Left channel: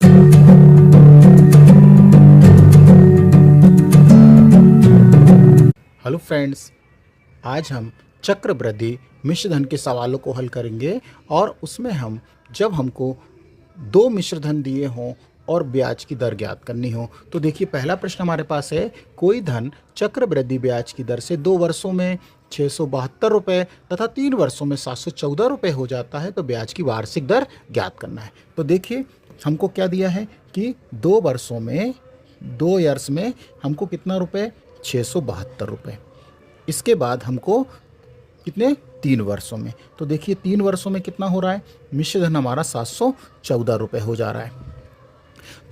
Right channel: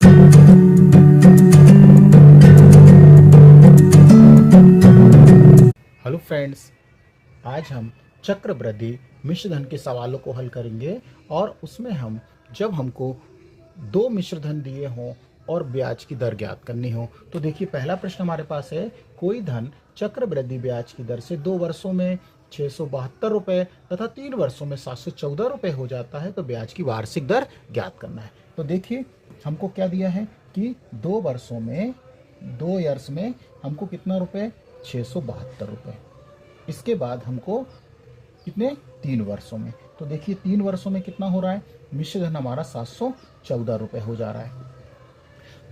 Hello friends, आज हम चक्रवृद्धि मिश्रधन के सवालों को हल करेंगे और उसमें हम जब हमको दो मिश्रधन दिए हों और ब्याज की दर ज्ञात करनी हो तो देखिए पहला प्रश्न हमारे पास है। कोई धन चक्रवृद्धि ब्याज की दर से 2 वर्षों में 672 रुपये तथा 3 वर्षों में 714 रुपये हो जाता है तो ब्याज की वार्षिक दर ज्ञात करना है। तो देखिए हमको क्या दिया है कि 2 वर्षों में 2 ईयर्स में हमको कितना रुपये 672 रुपये। इसके बाद हमको कितने 3 वर्षों में, तो देखिए 3 वर्षों में कितना हो रहा है, मिश्रधन हमारा 714 रुपये हो जा रहा है।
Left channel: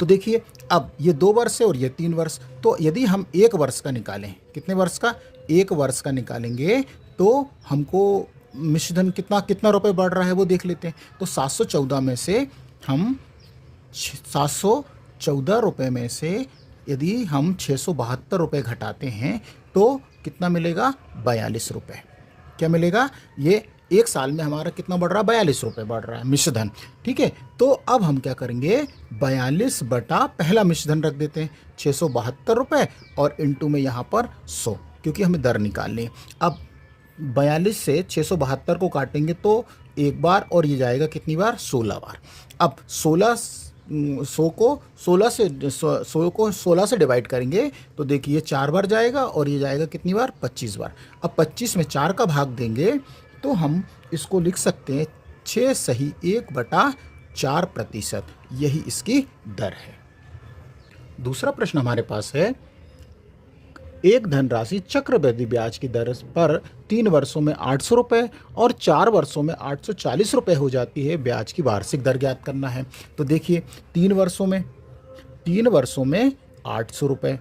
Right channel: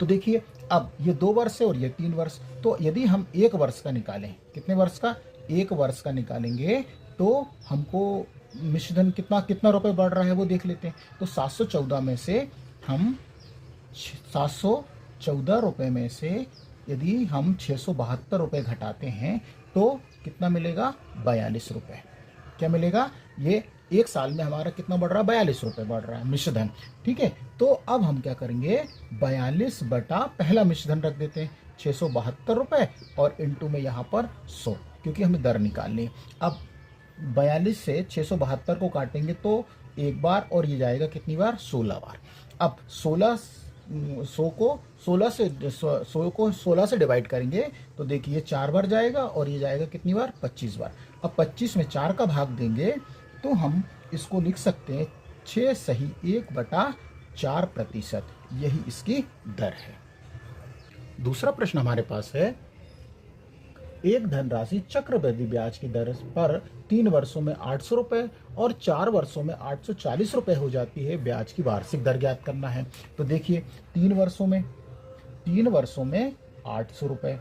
तो देखिए अब ये 2 वर्ष है और ये 3 वर्ष, तो यदि हम 1 वर्ष का निकालें, कितने वर्ष का, 1 वर्ष का निकालेंगे तो हमको मिश्रधन कितना कितना रुपये बढ़ रहा है वो देख लेते हैं। तो 714 में से हम 714 रुपये में से यदि हम 672 रुपये घटाते हैं तो कितना मिलेगा, 42 रुपये। क्या मिलेगा, ये 1 साल में हमारा कितना बढ़ रहा है, 42 रुपये बढ़ रहा है मिश्रधन। ठीक है, तो अब हम क्या करेंगे, 42 बटा पहला मिश्रधन रख देते हैं 672 रुपये और इंटू में यहाँ पर 100, क्योंकि हमें दर निकालनी है। अब 42 से 672 को काटेंगे तो एक बार और ये जाएगा कितनी बार, 16 बार। अब 100 को 16 से डिवाइड करेंगे तो देखिए ये 4 बार जाएगा और ये जाएगा कितनी बार, 25 बार। अब 25 में 4 का भाग देंगे तो हम इसको लिख सकते हैं 6 सही 1/4%, यही इसकी दर है। दूसरा प्रश्न हमारे पास है। एक धनराशि चक्रवृद्धि ब्याज की दर पर 3 वर्षों में 800 रुपये और 4 वर्षों में 840 रुपये हो जाती है, ब्याज की वार्षिक दर ज्ञात करना है। तो देखिए 3 वर्षों में 800 रुपये,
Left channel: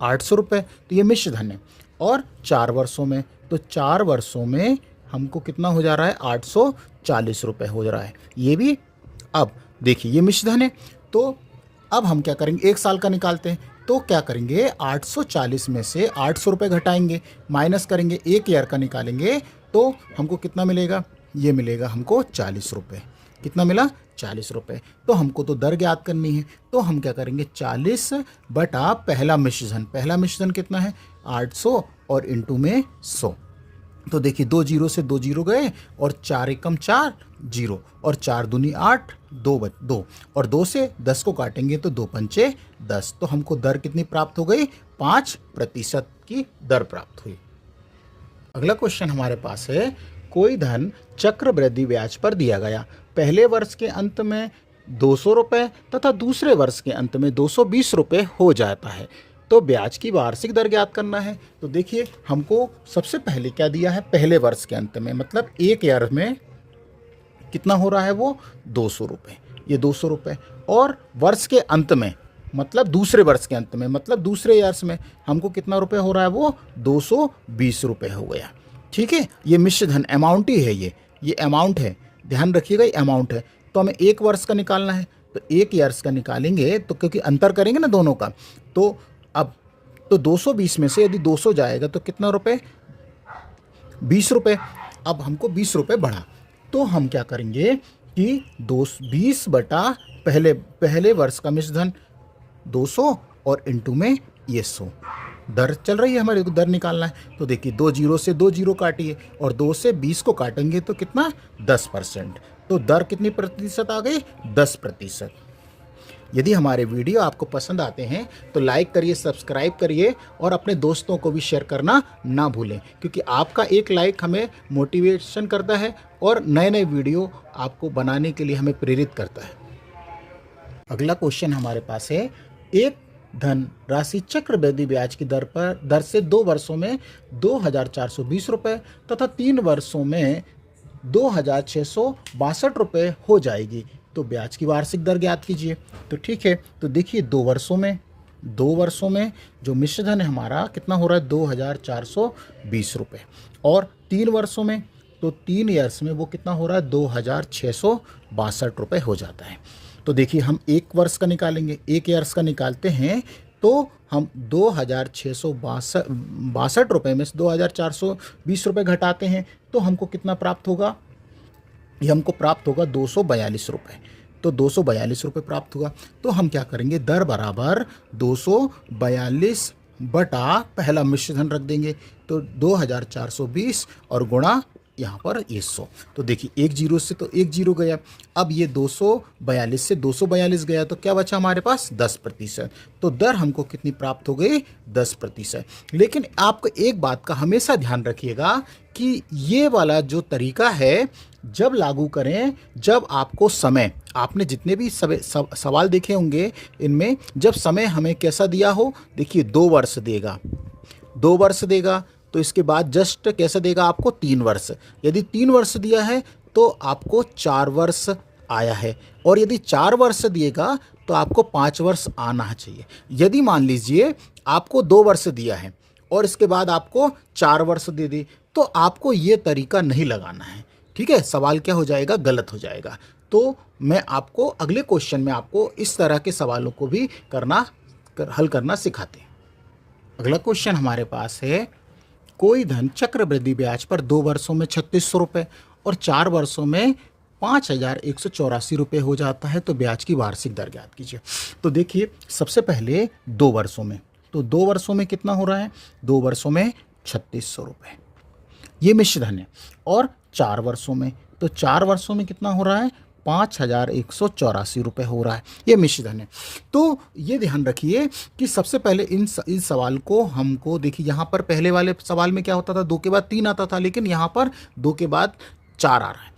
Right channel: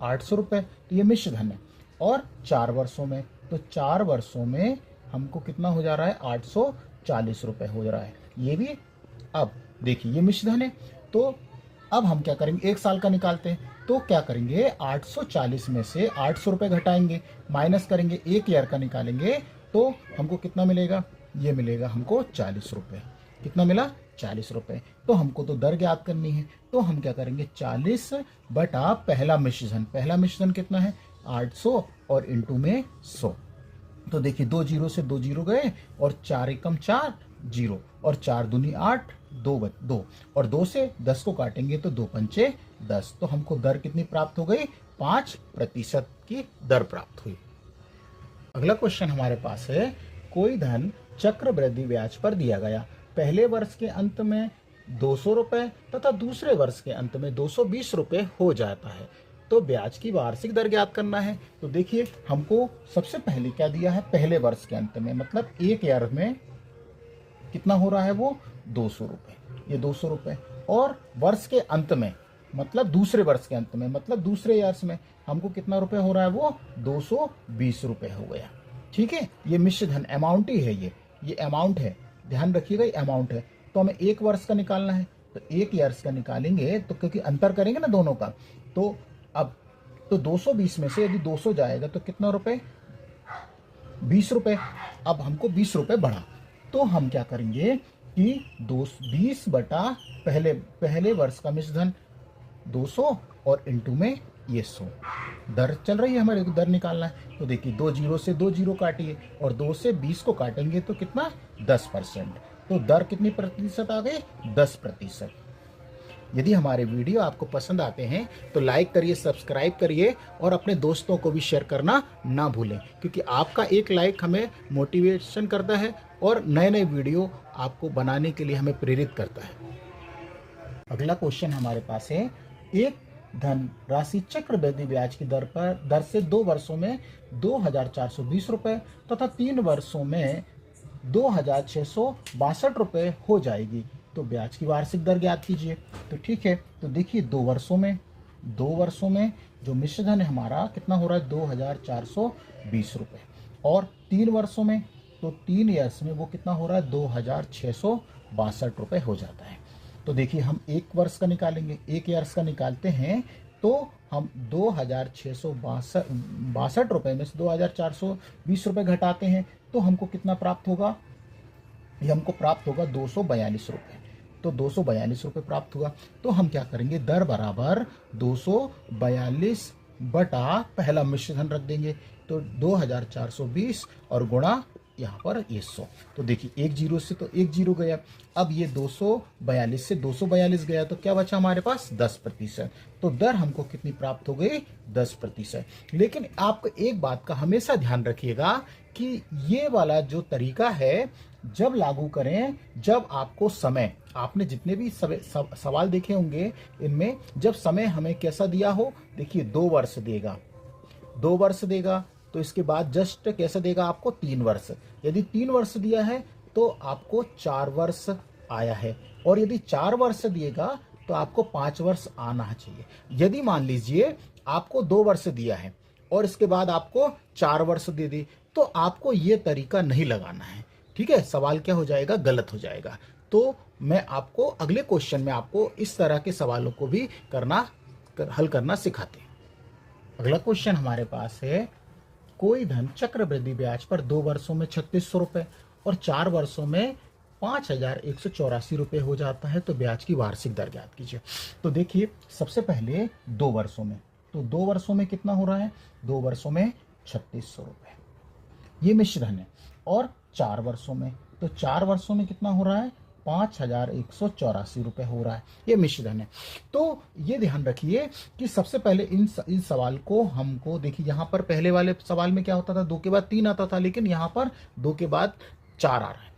800 रुपये तो ये मिश्रधन है, और 4 वर्षों में, तो 4 वर्षों में हमको कितना हो जा रहा है, 840 रुपये हो जा रहा है, ये भी। अब देखिए ये मिश्रधन है, तो अब हम क्या करेंगे, 1 साल का निकालते हैं। तो क्या करेंगे, 840 में से 800 रुपये घटाएंगे, माइनस करेंगे, 1 ईयर का निकालेंगे तो हमको कितना मिलेगा, ये मिलेगा हमको 40 रुपये। कितना मिला, 40 रुपये। तो हमको तो दर ज्ञात करनी है, तो हम क्या करेंगे, 40 बटा पहला मिश्रधन कितना है, 800 और इंटू में 100। तो देखिए 2 जीरो से 2 जीरो गए और 4 एकम 4 जीरो और 4 दूनी 8, 2 और 2 से 10 को काटेंगे तो 2 पंचे 10। तो हमको दर कितनी प्राप्त हो गई, 5% की दर प्राप्त हुई। अगला क्वेश्चन हमारे पास है। कोई धन चक्रवृद्धि ब्याज पर दिया गया, पहले वर्ष के अंत में 200 रुपये तथा दूसरे वर्ष के अंत में 220 रुपये हो जाता है, तो ब्याज की वार्षिक दर ज्ञात करना है। तो देखिए हमको सबसे पहले क्या दिया है, पहले वर्ष के अंत में, मतलब 1 ईयर में कितना हो रहा है वो 200 रुपये, ये 200 रुपये, और वर्ष के अंत में मतलब दूसरे वर्ष के अंत में, मतलब दूसरे ईयर्स में हमको कितना रुपये हो रहा है, वो 220 रुपये हो गया। ठीक है, ये मिश्रधन अमाउंट ही है, ये अमाउंट है, ध्यान रखिएगा, ये अमाउंट है। तो हमें 1 वर्ष का निकालना है, तो 1 ईयर्स का निकालेंगे तो क्योंकि अंतर करेंगे ना दोनों का, तो अब तो 220 में से यदि 200 जाएगा तो कितना रुपये, 20 रुपये। अब हमको 20 रुपये बढ़ा, तो हम क्या करेंगे कि 20 बटा पहले वर्ष का मिश्रधन 200 और इंटू में ये 100, दर चल रही है हमारे, दर निकालना है। तो देखिए 2 जीरो से 2 जीरो काटिए और 2 से 20 को काटेंगे तो कितना, 10%। तो दर कितनी प्रतिशत आ गई, 10%। यदि हमारे वीडियो आपको पसंद आते हैं तो लाइक करिए, सब्सक्राइब करिए और अपने दोस्तों को भी शेयर करना ना भूलें, क्योंकि आपका एक लाइक हमें मोटिवेशन करता है और नए नए वीडियो आपको बनाने के लिए हमें प्रेरित करता है। अगला क्वेश्चन हमारे पास है। एक धन राशि चक्रवृद्धि ब्याज की दर से 2 वर्षों में 2420 रुपये तथा 3 वर्षों में 2662 रुपये हो जाएगी, तो ब्याज की वार्षिक दर ज्ञात कीजिए। तो ठीक है, तो देखिए 2 वर्षों में जो मिश्रधन है हमारा कितना हो रहा है, 2420 रुपये, और 3 वर्षों में, तो 3 ईयर्स में वो कितना हो रहा है, 2662 रुपये हो जाता है। तो देखिए हम 1 वर्ष का निकालेंगे, 1 ईयर्स का निकालते हैं तो हम 2662 रुपये में से 2420 रुपये घटाते हैं तो हमको कितना प्राप्त होगा, ये हमको प्राप्त होगा 242 रुपये। तो 242 रुपये प्राप्त हुआ। तो हम क्या करेंगे, दर बराबर 242 बटा पहला मिश्र धन रख देंगे, तो 2420 और गुणा यहाँ पर ये 100। तो देखिए एक जीरो से तो एक जीरो गया, अब ये 242 से 242 गया, तो क्या बचा हमारे पास 10%। तो दर हमको कितनी प्राप्त हो गई, 10%। लेकिन आपको एक बात का हमेशा ध्यान रखिएगा कि ये वाला जो तरीका है जब लागू करें, जब आपको समय, आपने जितने भी सवाल देखे होंगे इनमें जब समय हमें कैसा दिया हो, देखिए 2 वर्ष देगा, 2 वर्ष देगा, तो इसके बाद जस्ट कैसे देगा आपको 3 वर्ष। यदि 3 वर्ष दिया है तो आपको 4 वर्ष आया है, और यदि 4 वर्ष दिएगा तो आपको 5 वर्ष आना चाहिए। यदि मान लीजिए आपको 2 वर्ष दिया है और इसके बाद आपको 4 वर्ष दे दे, तो आपको ये तरीका नहीं लगाना है, ठीक है। सवाल क्या हो जाएगा, गलत हो जाएगा। तो मैं आपको अगले क्वेश्चन में आपको इस तरह के सवालों को भी हल करना सिखाते हैं। अगला क्वेश्चन हमारे पास है, कोई धन चक्रवृद्धि ब्याज पर 2 वर्षों में 3600 रुपये और 4 वर्षों में 5184 रुपये हो जाता है, तो ब्याज की वार्षिक दर ज्ञात कीजिए। तो देखिए सबसे पहले 2 वर्षों में, तो 2 वर्षों में कितना हो रहा है, 2 वर्षों में 3600 रुपये, ये मिश्र धन है। और 4 वर्षों में, तो 4 वर्षों में कितना हो रहा है, 5184 रुपये हो रहा है, ये मिश्र धन है। तो ये ध्यान रखिए कि सबसे पहले इन सवाल को हमको, देखिए यहाँ पर पहले वाले सवाल में क्या होता था, 2 के बाद 3 आता था, लेकिन यहाँ पर 2 के बाद 4 आ रहा है।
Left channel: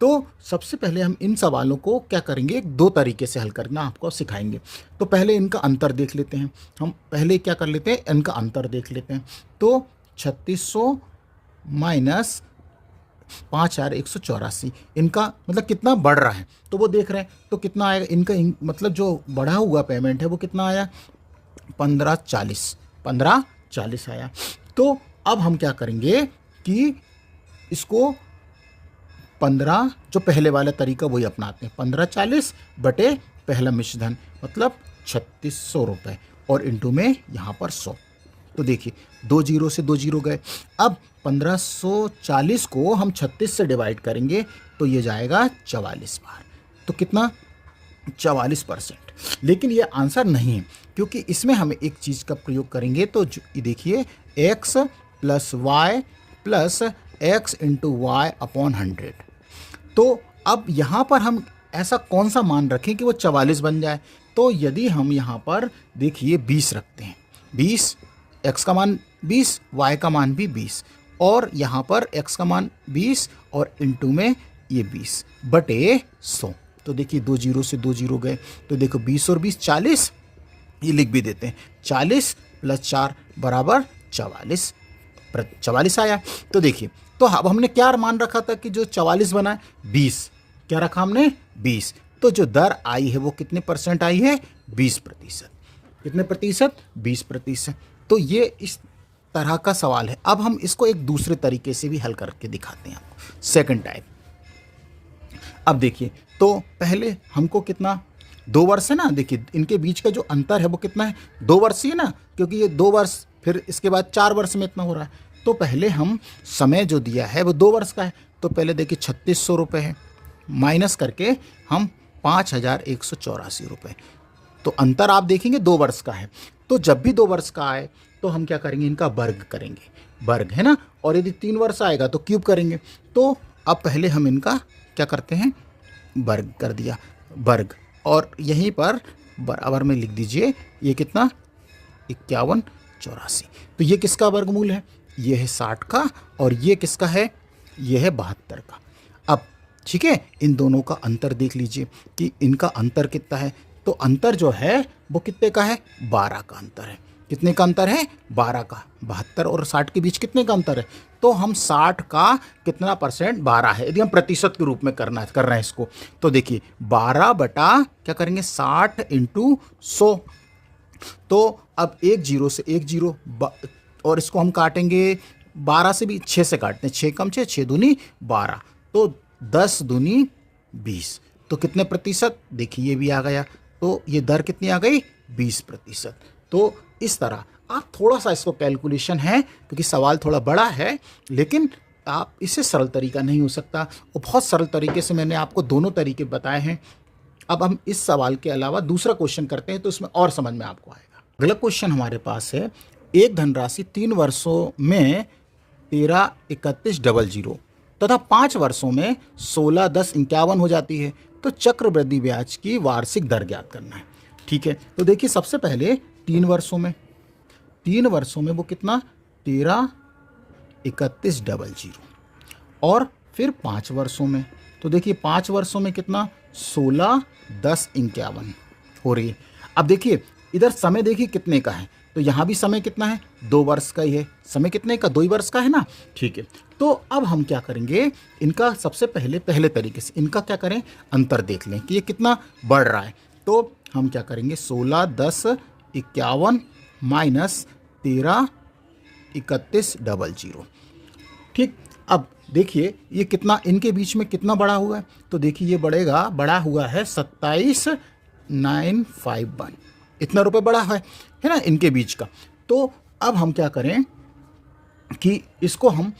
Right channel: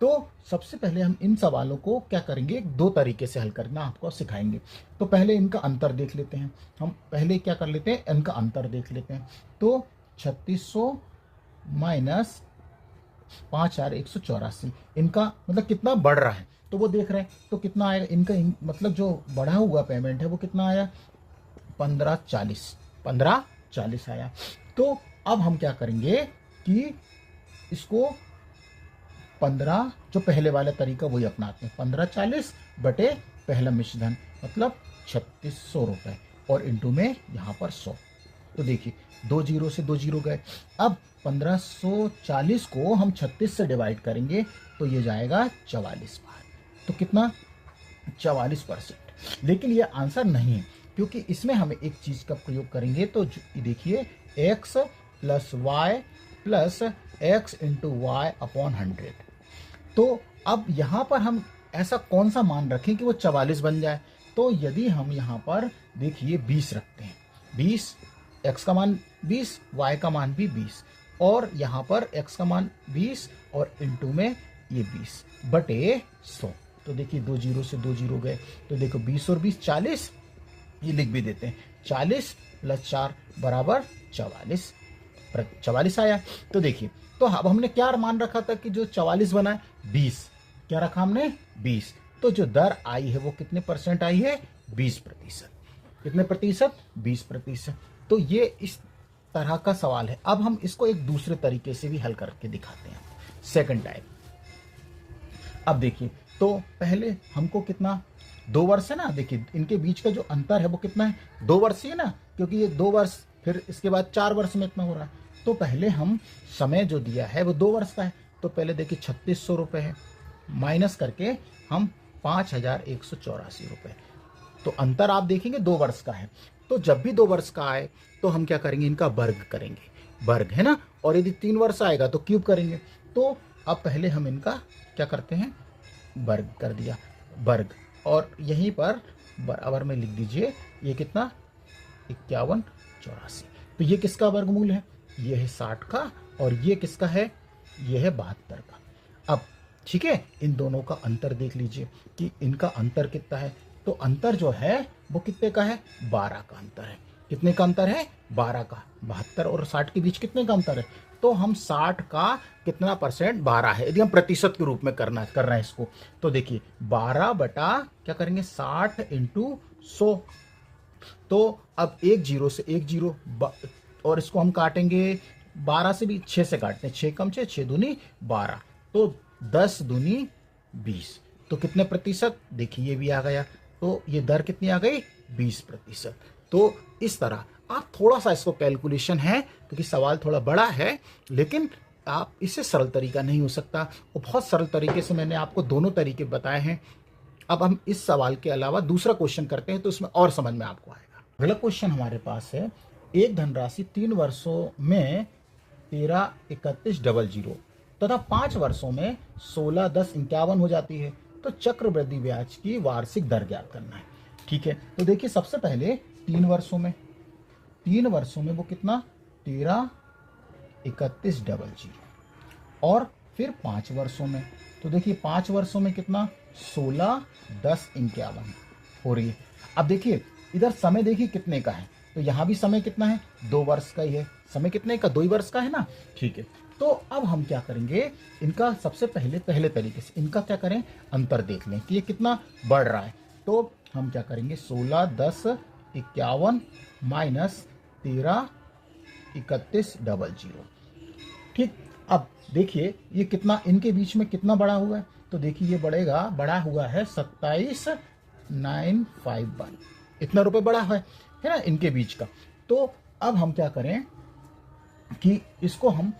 तो सबसे पहले हम इन सवालों को क्या करेंगे, 2 तरीके से हल करना आपको सिखाएंगे। तो पहले इनका अंतर देख लेते हैं, हम पहले क्या कर लेते हैं, इनका अंतर देख लेते हैं। तो 3600 माइनस 5184, इनका मतलब कितना बढ़ रहा है, तो वो देख रहे हैं, तो कितना आएगा इनका, मतलब जो बढ़ा हुआ पेमेंट है वो कितना आया, 1540 आया। तो अब हम क्या करेंगे कि इसको 15, जो पहले वाला तरीका वही अपनाते हैं, 1540 बटे पहला मिश्र धन मतलब 3600 रुपये और इंटू में यहाँ पर 100। तो देखिए 2 जीरो से 2 जीरो गए। अब 1540 को हम 36 से डिवाइड करेंगे तो ये जाएगा 44 बार, तो कितना 44%। लेकिन ये आंसर नहीं है, क्योंकि इसमें हमें एक चीज़ का प्रयोग करेंगे। तो देखिए x plus y plus x into y upon 100। तो अब यहाँ पर हम ऐसा कौन सा मान रखें कि वो 44 बन जाए। तो यदि हम यहाँ पर देखिए 20 रखते हैं, 20, x का मान 20, y का मान भी 20, और यहाँ पर x का मान 20 और इंटू में ये 20 बटे 100। तो देखिए 2 जीरो से 2 जीरो गए, तो देखो 20 और 20 40, ये लिख भी देते हैं, 40 प्लस 4 बराबर 44 आया। तो देखिए, तो अब हमने क्या मान रखा था कि जो 44 बना, 20, क्या रखा हमने 20, तो जो दर आई है वो कितने परसेंट आई है, 20%। कितने प्रतिशत, 20%। तो ये इस तरह का सवाल है। अब हम इसको एक दूसरे तरीके से भी हल करके दिखाते हैं आपको, सेकंड टाइप। अब देखिए, तो पहले हमको कितना, 2 वर्ष है ना, देखिए इनके बीच का जो अंतर है वो कितना है, 2 वर्ष ही है ना, क्योंकि ये 2 वर्ष, फिर इसके बाद 4 वर्ष में इतना हो रहा है। तो पहले हम समय जो दिया है वो 2 वर्ष का है, तो पहले देखिए 3600 रुपये है, माइनस करके हम 5184 रुपये, तो अंतर आप देखेंगे 2 वर्ष का है। तो जब भी 2 वर्ष का आए तो हम क्या करेंगे, इनका वर्ग करेंगे, वर्ग है ना, और यदि 3 वर्ष आएगा तो क्यूब करेंगे। तो अब पहले हम इनका क्या करते हैं, वर्ग कर दिया, वर्ग, और यहीं पर बराबर में लिख दीजिए, ये कितना 5184। तो ये किसका वर्गमूल है, ये है 60 का, और ये किसका है, ये है 72 का। अब ठीक है, इन दोनों का अंतर देख लीजिए कि इनका अंतर कितना है। तो अंतर जो है वो कितने का है, 12 का अंतर है। कितने का अंतर है, 12 का। 72 और 60 के बीच कितने का अंतर है, तो हम 60 का कितना परसेंट, 12 है। यदि हम प्रतिशत के रूप में कर रहे हैं इसको, तो देखिए 12 बटा क्या करेंगे, 60 इंटू 100। तो अब 1 जीरो से 1 जीरो, और इसको हम काटेंगे 12 से भी, 6 से काटते हैं, 6 कम 6, 6 दूनी 12, तो 10 दूनी 20, तो कितने प्रतिशत, देखिए ये भी आ गया। तो ये दर कितनी आ गई, 20%। तो इस तरह आप थोड़ा सा इसको कैलकुलेशन है, क्योंकि सवाल थोड़ा बड़ा है, लेकिन आप इससे सरल तरीका नहीं हो सकता, और बहुत सरल तरीके से मैंने आपको दोनों तरीके बताए हैं। अब हम इस सवाल के अलावा दूसरा क्वेश्चन करते हैं, तो इसमें और समझ में आपको आएगा। अगला क्वेश्चन हमारे पास है, एक धनराशि 3 वर्षों में 13,31,00 तथा 5 वर्षों में 16,10,51 हो जाती है, तो चक्रवृद्धि ब्याज की वार्षिक दर ज्ञात करना है। ठीक है, तो देखिए सबसे पहले 3 वर्षों में वो कितना 13,31,00 और फिर 5 वर्षों में, तो देखिए 5 वर्षों में कितना 16,10,51 हो रही है। अब देखिए इधर समय देखिए कितने का है, तो यहाँ भी समय कितना है 2 वर्ष का ही है। समय कितने का 2 ही वर्ष का है ना। ठीक है, तो अब हम क्या करेंगे, इनका सबसे पहले तरीके से इनका क्या करें, अंतर देख लें कि ये कितना बढ़ रहा है। तो हम क्या करेंगे 16,10,51 माइनस 13,31,00। ठीक, अब देखिए ये कितना इनके बीच में कितना बड़ा हुआ है, तो देखिए ये बड़ा हुआ है 27,951, इतना रुपए बड़ा है ना इनके बीच का। तो अब हम क्या करें कि इसको हम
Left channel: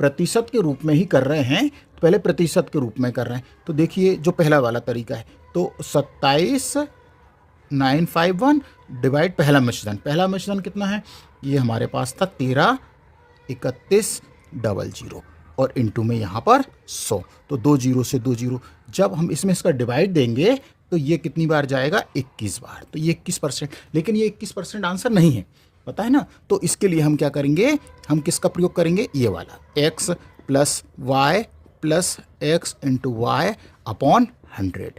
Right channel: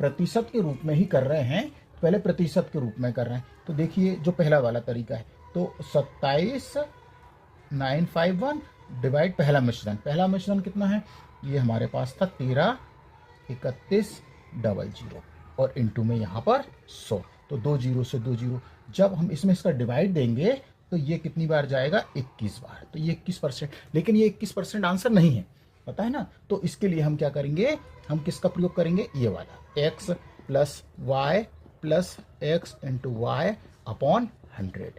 प्रतिशत के रूप में ही कर रहे हैं, पहले प्रतिशत के रूप में कर रहे हैं। तो देखिए जो पहला वाला तरीका है, तो 27,951 डिवाइड पहला मिश्रण कितना है, ये हमारे पास था 13,31,00 और इनटू में यहाँ पर 100, तो 2 जीरो से 2 जीरो, जब हम इसमें इसका डिवाइड देंगे तो ये कितनी बार जाएगा 21 बार, तो ये 21%। लेकिन ये 21% आंसर नहीं है, पता है ना। तो इसके लिए हम क्या करेंगे, हम किसका प्रयोग करेंगे, ये वाला x plus y plus x into y upon 100।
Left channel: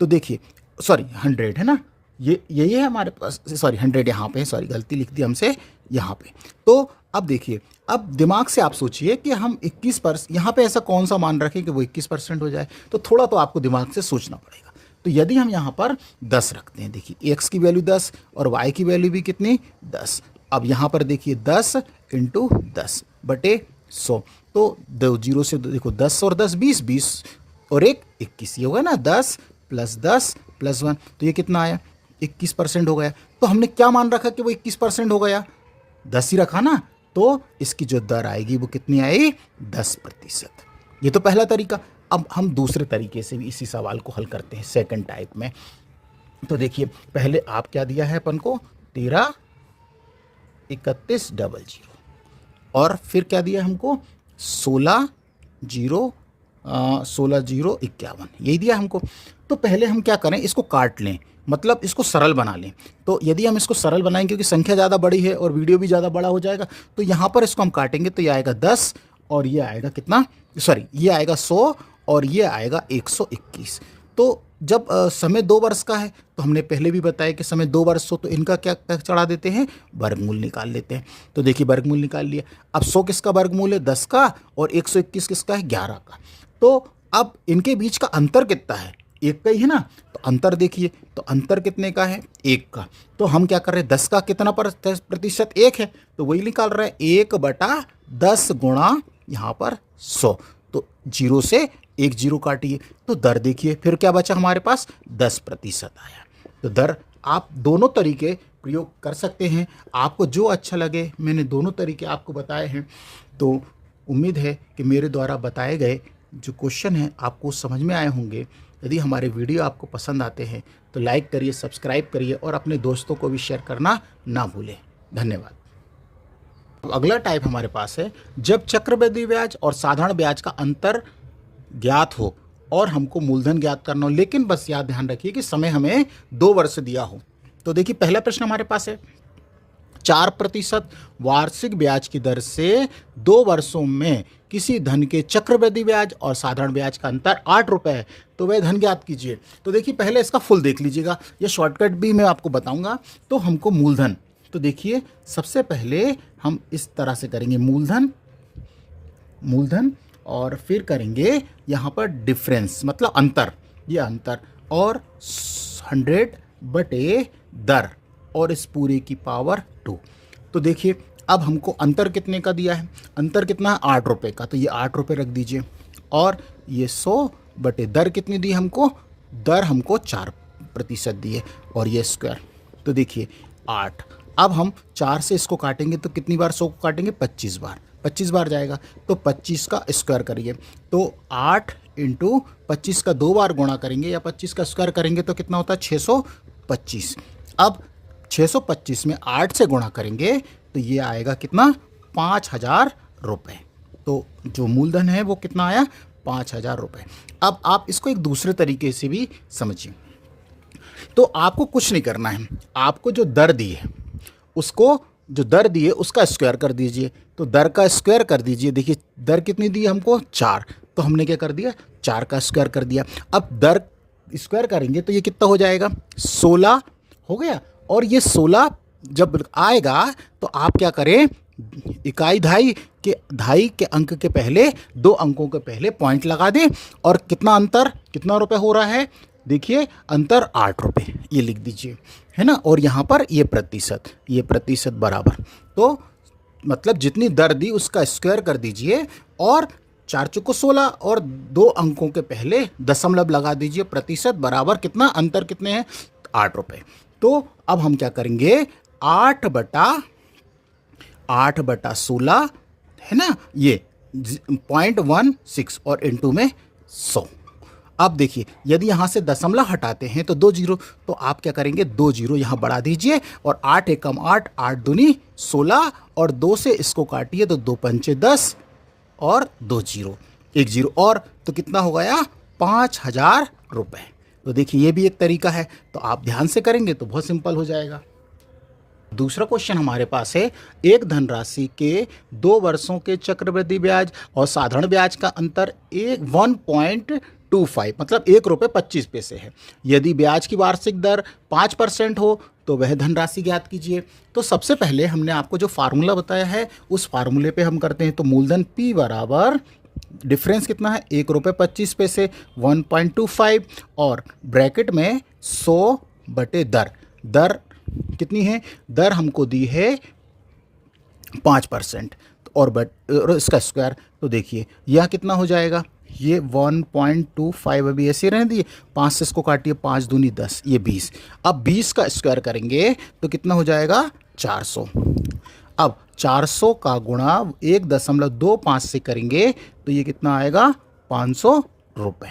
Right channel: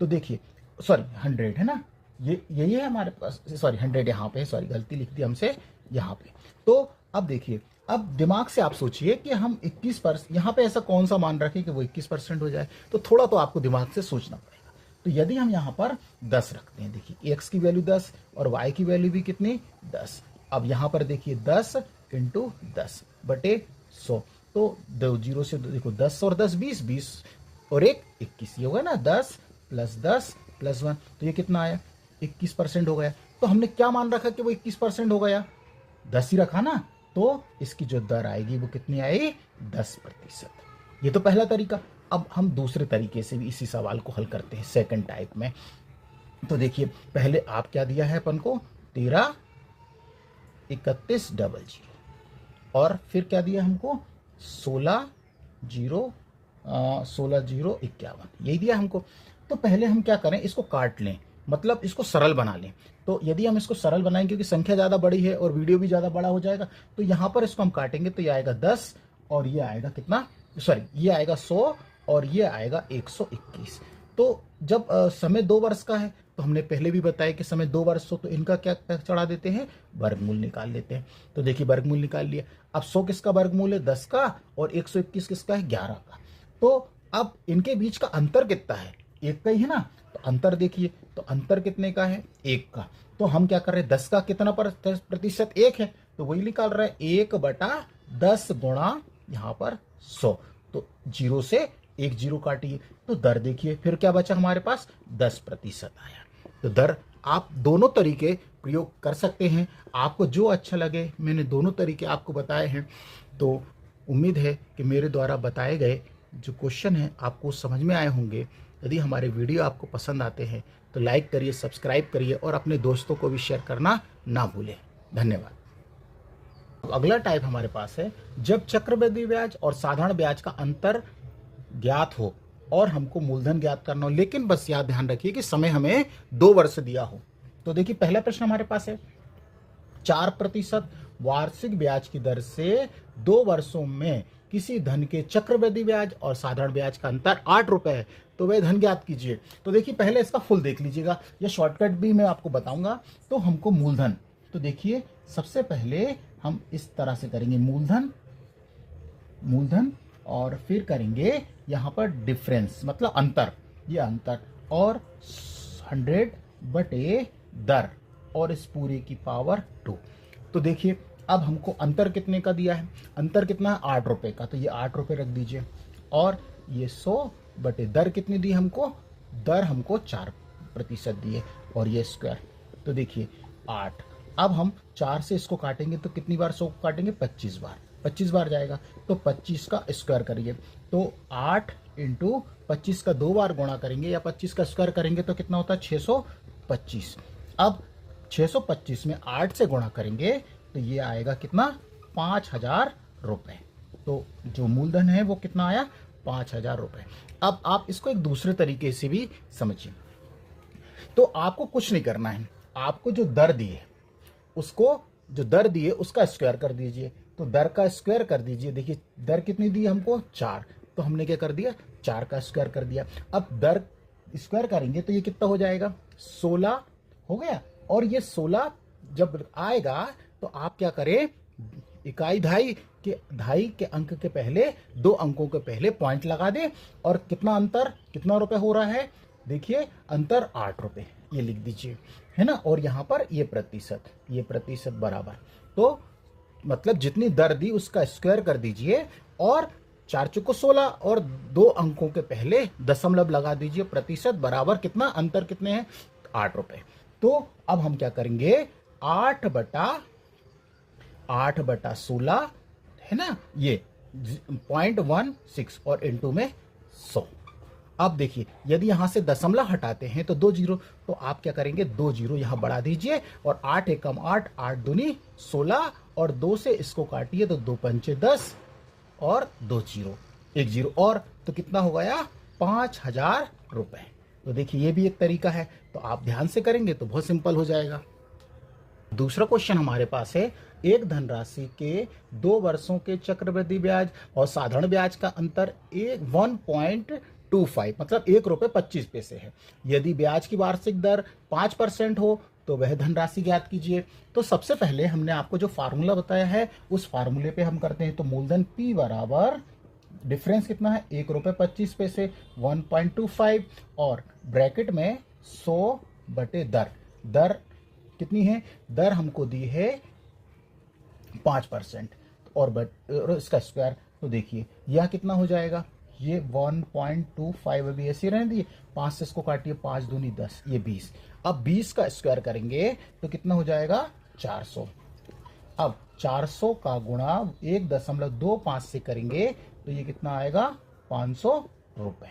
तो देखिए सॉरी 100 है ना, यही है हमारे पास, सॉरी 100 यहाँ पे, सॉरी गलती लिख दी हमसे यहाँ पे। तो अब देखिए, अब दिमाग से आप सोचिए कि हम 21% यहाँ पे ऐसा कौन सा मान रखें कि वो 21% हो जाए, तो थोड़ा तो आपको दिमाग से सोचना पड़ेगा। तो यदि हम यहाँ पर 10 रखते हैं, देखिए x की वैल्यू 10 और y की वैल्यू भी कितनी 10। अब यहाँ पर देखिए 10 इंटू 10 बटे 100, तो 2 जीरो से देखो 10 और 10 20, 20 और 1 21, ये होगा ना 10 प्लस 10 प्लस 1, तो ये कितना आया 21% हो गया। तो हमने क्या मान रखा कि वो 21% हो गया, 10 ही रखा ना, तो इसकी जो दर आएगी वो कितनी आएगी 10%। ये तो पहला तरीका। अब हम दूसरे तरीके से भी इसी सवाल को हल करते हैं, सेकंड टाइप में। तो देखिए पहले आप क्या दिया है अपन को 13,31,00 और फिर क्या दिया हमको 16,051, यही दिया हमको। तो पहले हम क्या करें, इसको काट लें, मतलब इसको सरल बना लें। तो यदि हम इसको सरल बनाएंगे, क्योंकि संख्या ज़्यादा बड़ी है और वीडियो भी ज़्यादा बड़ा हो जाएगा, तो यहाँ पर इसको हम काटेंगे, तो ये आएगा 10 और ये आएगा कितना, सॉरी ये आएगा 100 और ये आएगा 121। तो जब समय 2 वर्ष का है, तो हमने पहले भी बताया कि समय 2 वर्ष हो तो इनका क्या चढ़ा देते हैं, वर्गमूल निकाल लेते हैं। तो देखिए वर्गमूल निकाल लिया। अब 100 किसका वर्गमूल है 10 का और 121 किसका है 11 का। तो अब इनके बीच का अंतर कितना है, 1 का ही है ना। तो अंतर देखिए, तो अंतर कितने का है 1 का। तो हम क्या कर रहे हैं 10 का कितना प्रतिशत 1 है, तो वही निकाल रहे हैं 1/10 गुणा यहाँ पर 100, तो 0 से 1 जीरो काटिए, तो दर देखिए फिर क्या बचा हमारे पास 10% आया। तो दर आप दोनों तरीके प्रयोग कर सकते हैं, आपको जो अच्छा लगे। मैंने दोनों तरीके आपको बताए हैं, तो उम्मीद है कि मेरे द्वारा बताए गए जो क्वेश्चन हैं आपको समझ में आए होंगे। यदि हमारे वीडियो आपको पसंद आते हैं तो लाइक करिए, सब्सक्राइब करिए और अपने दोस्तों को भी शेयर करना ना भूलें। धन्यवाद। अगला टाइप हमारे पास है, जब चक्रवृद्धि ब्याज और साधारण ब्याज का अंतर ज्ञात हो और हमको मूलधन ज्ञात करना हो, लेकिन बस याद ध्यान रखिए कि समय हमें 2 वर्ष दिया हो। तो देखिए पहला प्रश्न हमारे पास है, 4% वार्षिक ब्याज की दर से 2 वर्षों में किसी धन के चक्रवृद्धि ब्याज और साधारण ब्याज का अंतर 8 रुपये है, तो वह धन ज्ञात कीजिए। तो देखिए पहले इसका फुल देख लीजिएगा, यह शॉर्टकट भी मैं आपको बताऊंगा। तो हमको मूलधन, तो देखिए सबसे पहले हम इस तरह से करेंगे मूलधन और फिर करेंगे यहाँ पर डिफरेंस, मतलब अंतर, ये अंतर, और 100 बटे दर और इस पूरे की पावर 2। तो देखिए अब हमको अंतर कितने का दिया है, अंतर कितना है 8 रुपये का, तो ये 8 रुपये रख दीजिए। और ये 100 बटे दर कितनी दी हमको, दर हमको 4% दी है और ये स्क्वायर, तो देखिए 8। अब हम 4 से इसको काटेंगे तो कितनी बार 100 को काटेंगे 25 बार, 25 बार जाएगा, तो 25 का स्क्वायर करिए, तो 8 इंटू 25 का 2 बार गुणा करेंगे या 25 का स्क्वायर करेंगे तो कितना होता है 625। अब 625 में 8 से गुणा करेंगे तो ये आएगा कितना 5000 रुपये। तो जो मूलधन है वो कितना आया 5000 रुपये। अब आप इसको एक दूसरे तरीके से भी समझिए। तो आपको कुछ नहीं करना है, आपको जो दर दी है उसको, जो दर दी है उसका स्क्वायर कर दीजिए। तो दर का स्क्वायर कर दीजिए। देखिए दर कितनी दी है हमको 4, तो हमने क्या कर दिया 4 का स्क्वायर कर दिया। अब दर स्क्वायर करेंगे तो ये कितना हो जाएगा 16 हो गया। और ये 16 जब आएगा तो आप क्या करें, इकाई धाई के अंक के पहले 2 अंकों के पहले पॉइंट लगा दें। और कितना अंतर, कितना रुपए हो रहा है, देखिए अंतर 8 रुपये, ये लिख दीजिए, है ना। और यहाँ पर ये प्रतिशत बराबर, तो मतलब जितनी दर दी उसका स्क्वायर कर दीजिए और 4 चौको 16 और 2 अंकों के पहले दशमलव लगा दीजिए। प्रतिशत बराबर कितना, अंतर कितने हैं 8 रुपये। तो अब हम क्या करेंगे 8 बटा 16 है ना, ये 0.16 और इंटू में 100। अब देखिए यदि यहाँ से दशमलव हटाते हैं तो 2 जीरो, तो आप क्या करेंगे 2 जीरो यहाँ बढ़ा दीजिए और 8 एकम 8, 8 दूनी 16 और 2 से इसको काटिए तो 2 पंचे 10 और 2 जीरो, 1 जीरो और, तो कितना हो गया 5000 रुपये। तो देखिए ये भी एक तरीका है, तो आप ध्यान से करेंगे तो बहुत सिंपल हो जाएगा। दूसरा क्वेश्चन हमारे पास है, एक धनराशि के 2 वर्षों के चक्रवृद्धि ब्याज और साधारण ब्याज का अंतर 1.25 मतलब 1 रुपये 25 पैसे है। यदि ब्याज की वार्षिक दर 5% हो तो वह धनराशि ज्ञात कीजिए। तो सबसे पहले हमने आपको जो फार्मूला बताया है उस फार्मूले पे हम करते हैं। तो मूलधन P बराबर डिफरेंस कितना है 1 रुपये 25 पैसे 1.25 और ब्रैकेट में 100 बटे दर कितनी है, दर हमको दी है 5% और इसका स्क्वायर, तो देखिए यह कितना हो जाएगा, ये 1.25 अभी ऐसे रहने दिए, 5 से इसको काटिए 5 दूनी 10, ये 20। अब 20 का स्क्वायर करेंगे तो कितना हो जाएगा 400। अब 400 का गुणा 1.25 से करेंगे तो ये कितना आएगा 500 रुपये।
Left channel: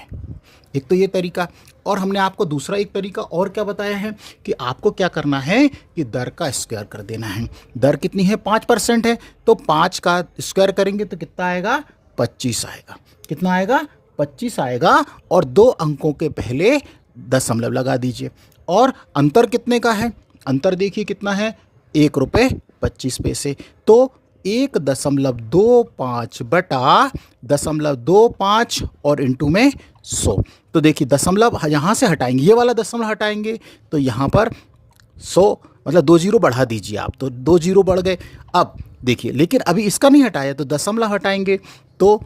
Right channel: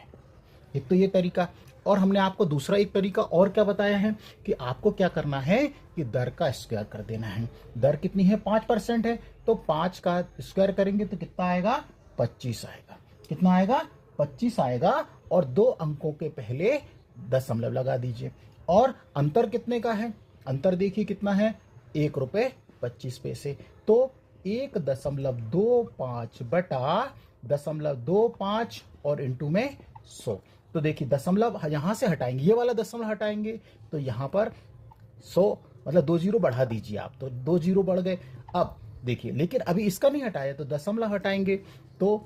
एक तो ये तरीका, और हमने आपको दूसरा एक तरीका और क्या बताया है कि आपको क्या करना है कि दर का स्क्वायर कर देना है। दर कितनी है 5% है, तो 5 का स्क्वायर करेंगे तो कितना आएगा 25 आएगा। कितना आएगा 25 आएगा और 2 अंकों के पहले दशमलव लगा दीजिए। और अंतर कितने का है, अंतर देखिए कितना है 1 रुपये 25 पैसे। तो 1.25 बटा 0.25 और इंटू में 100। तो देखिए दशमलव यहाँ से हटाएंगे, ये वाला दशमलव हटाएंगे तो यहाँ पर 100 मतलब 2 जीरो बढ़ा दीजिए आप, तो 2 जीरो बढ़ गए। अब देखिए लेकिन अभी इसका नहीं हटाया तो दशमलव हटाएंगे, तो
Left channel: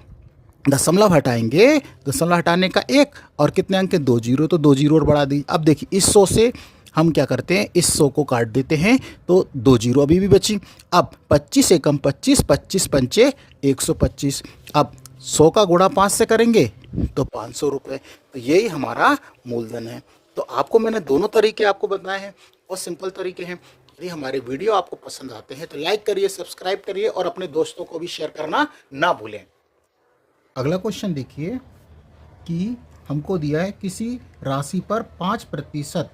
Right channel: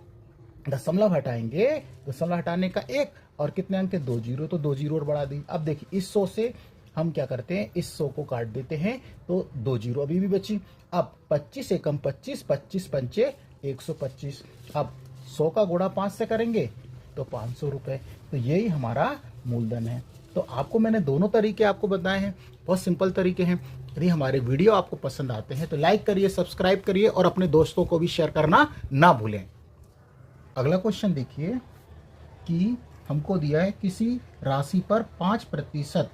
दशमलव हटाने का 1 और कितने अंक 2 जीरो, तो 2 जीरो और बढ़ा दी। अब देखिए इस 100 से हम क्या करते हैं, इस 100 को काट देते हैं तो 2 जीरो अभी भी बची। अब 25 एकम 25, 25 पंचे 125। अब 100 का गुणा 5 से करेंगे तो 500 रुपये। तो यही हमारा मूलधन है। तो आपको मैंने दोनों तरीके आपको बताए हैं, बहुत सिंपल तरीके हैं। यदि हमारे वीडियो आपको पसंद आते हैं तो लाइक करिए, सब्सक्राइब करिए और अपने दोस्तों को भी शेयर करना ना भूलें। अगला क्वेश्चन देखिए कि हमको दिया है किसी राशि पर 5%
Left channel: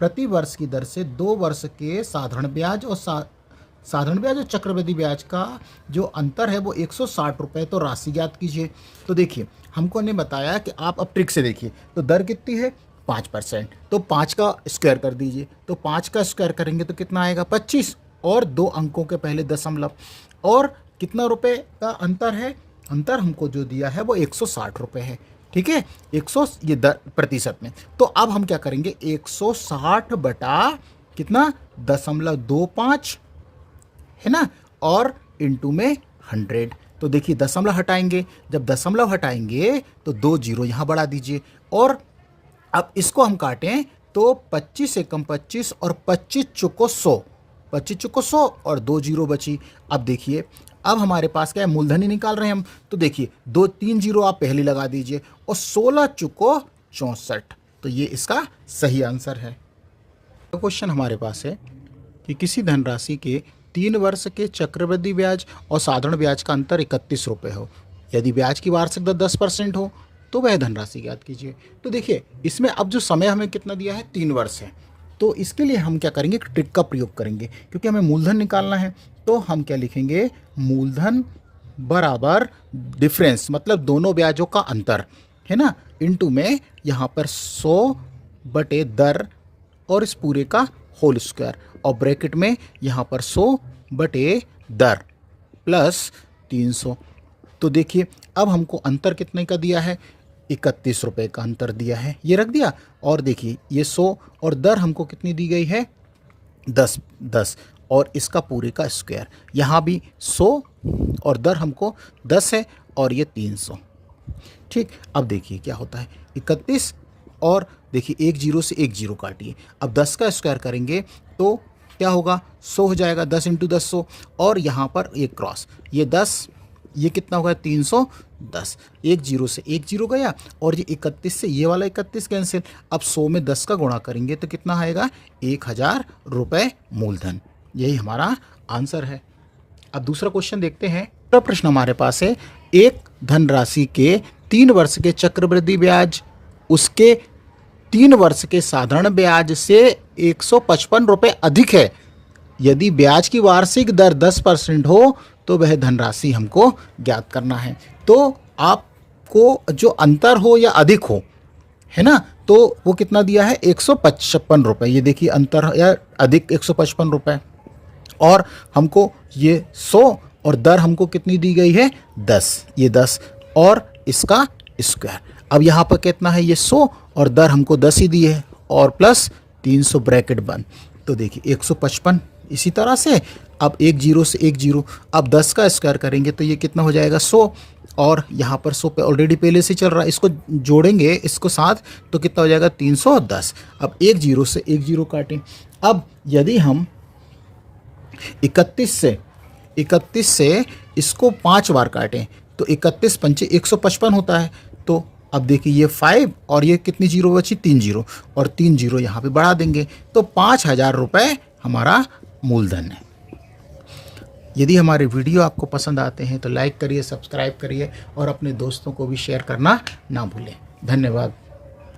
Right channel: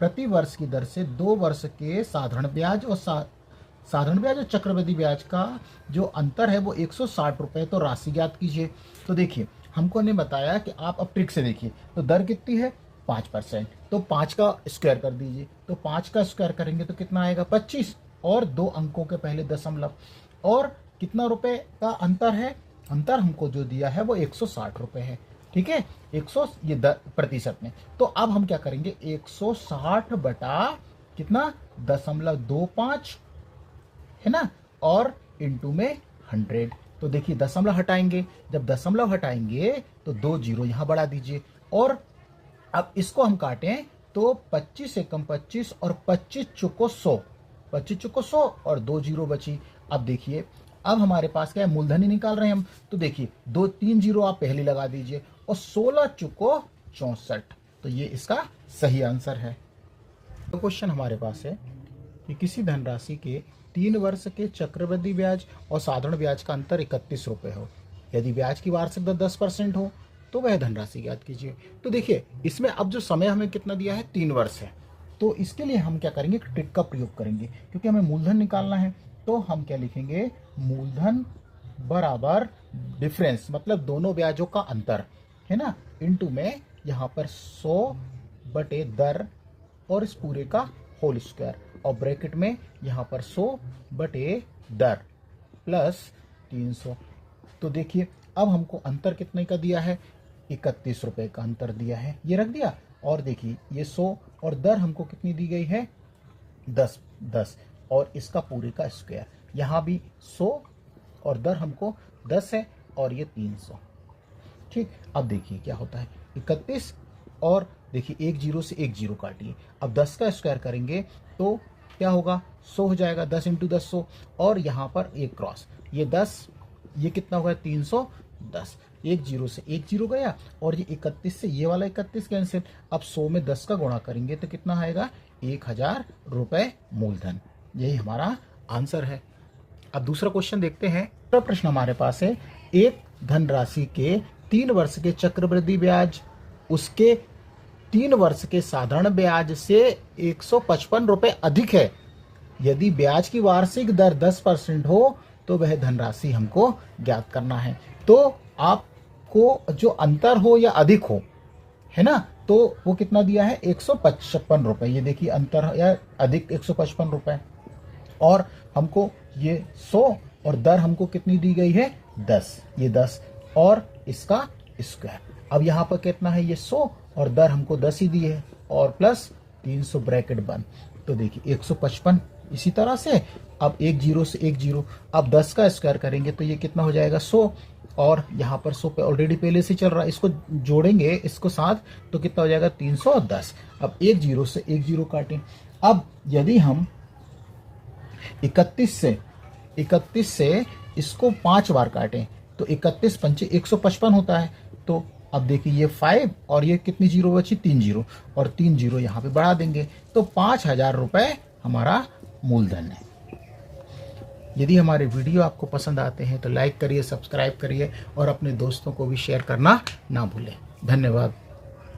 प्रति वर्ष की दर से 2 वर्ष के साधारण ब्याज और चक्रवृद्धि ब्याज का जो अंतर है वो 160 रुपये, तो राशि ज्ञात कीजिए। तो देखिए हमको ने बताया कि आप अब ट्रिक से देखिए, तो दर कितनी है 5%, तो 5 का स्क्वायर कर दीजिए। तो 5 का स्क्वायर करेंगे तो कितना आएगा 25 और 2 अंकों के पहले दशमलव, और कितना रुपए का अंतर है, अंतर हमको जो दिया है वो 160 रुपये है। ठीक है 100 ये प्रतिशत में। तो अब हम क्या करेंगे 160 बटा कितना 0.25 है ना, और इंटू में 100। तो देखिए दशमलव हटाएंगे, जब दशमलव हटाएंगे तो 2 जीरो यहाँ बढ़ा दीजिए। और अब इसको हम काटें तो 25 एकम 25 और 25 चौको 100, 25 चौको 100 और 2 जीरो बची। अब देखिए अब हमारे पास क्या है, मूलधन ही निकाल रहे हैं हम, तो देखिए 3 जीरो आप पहले लगा दीजिए और 16 चौको 64, तो ये इसका सही आंसर है। तो क्वेश्चन हमारे पास है कि किसी धनराशि के 3 वर्ष के चक्रवृद्धि ब्याज और साधारण ब्याज का अंतर 31 रुपये हो। यदि ब्याज की वार्षिक दर 10% हो तो वह धनराशि ज्ञात कीजिए। तो देखिए इसमें अब जो समय हमें कितना दिया है, 3 वर्ष है। तो इसके लिए हम क्या करेंगे, ट्रिक का प्रयोग करेंगे, क्योंकि हमें मूलधन निकालना है। तो हम क्या लिखेंगे, मूलधन बराबर डिफरेंस, मतलब दोनों ब्याजों का अंतर है ना, इनटू में यहाँ पर 100 बटे दर और इस पूरे का होल स्क्वायर, और ब्रैकेट में यहाँ पर 100 बटे दर प्लस 300। तो देखिए अब हमको अंतर कितने का दिया है, 31 रुपये का अंतर दिया है, ये रख दिया। और देखिए ये 100 और दर हमको कितनी दी गई है, 10 और इसका पूरे का स्क्वायर, यहाँ भी 100 और दर हमको 10 है और ये 300। ठीक, अब देखिए क्या होता है, 31 और देखिए एक जीरो से एक जीरो काटिए। अब 10 का स्क्वायर करेंगे तो क्या होगा, 100 हो जाएगा, 10 इंटू 10 100, और यहाँ पर एक क्रॉस, ये 10, ये कितना होगा 310, एक जीरो से एक जीरो गया और ये 31 से ये वाला 31 कैंसिल। अब 100 में 10 का गुणा करेंगे तो कितना आएगा, 1000 रुपये मूलधन। यही हमारा आंसर है। अब दूसरा क्वेश्चन देखते हैं। दूसरा प्रश्न हमारे पास है, एक धनराशि के 3 वर्ष के चक्रवृद्धि ब्याज उसके 3 वर्ष के साधारण ब्याज से 155 रुपये अधिक है। यदि ब्याज की वार्षिक दर 10% हो तो वह धनराशि हमको ज्ञात करना है। तो आपको जो अंतर हो या अधिक हो, है ना, तो वो कितना दिया है, 155 रुपये। ये देखिए अंतर या अधिक 155 रुपये, और हमको ये 100 और दर हमको कितनी दी गई है, 10, ये 10 और इसका स्क्वायर। अब यहाँ पर कितना है, ये 100 और दर हमको 10 ही दी है और प्लस 300 ब्रैकेट बंद। तो देखिए 155। इसी तरह से अब एक जीरो से एक जीरो, अब 10 का स्क्वायर करेंगे तो ये कितना हो जाएगा, 100, और यहाँ पर 100 पे ऑलरेडी पहले से चल रहा है, इसको जोड़ेंगे इसको साथ तो कितना हो जाएगा, 310। अब एक जीरो से एक जीरो काटें। अब यदि हम 31 से इसको 5 बार काटें तो 31 पंचे 155 होता है। तो अब देखिए ये 5 और ये कितनी जीरो बची, 3 जीरो, और 3 जीरो यहाँ पे बढ़ा देंगे तो 5000 रुपये हमारा मूलधन है। यदि हमारे वीडियो आपको पसंद आते हैं तो लाइक करिए, सब्सक्राइब करिए और अपने दोस्तों को भी शेयर करना ना भूलें। धन्यवाद।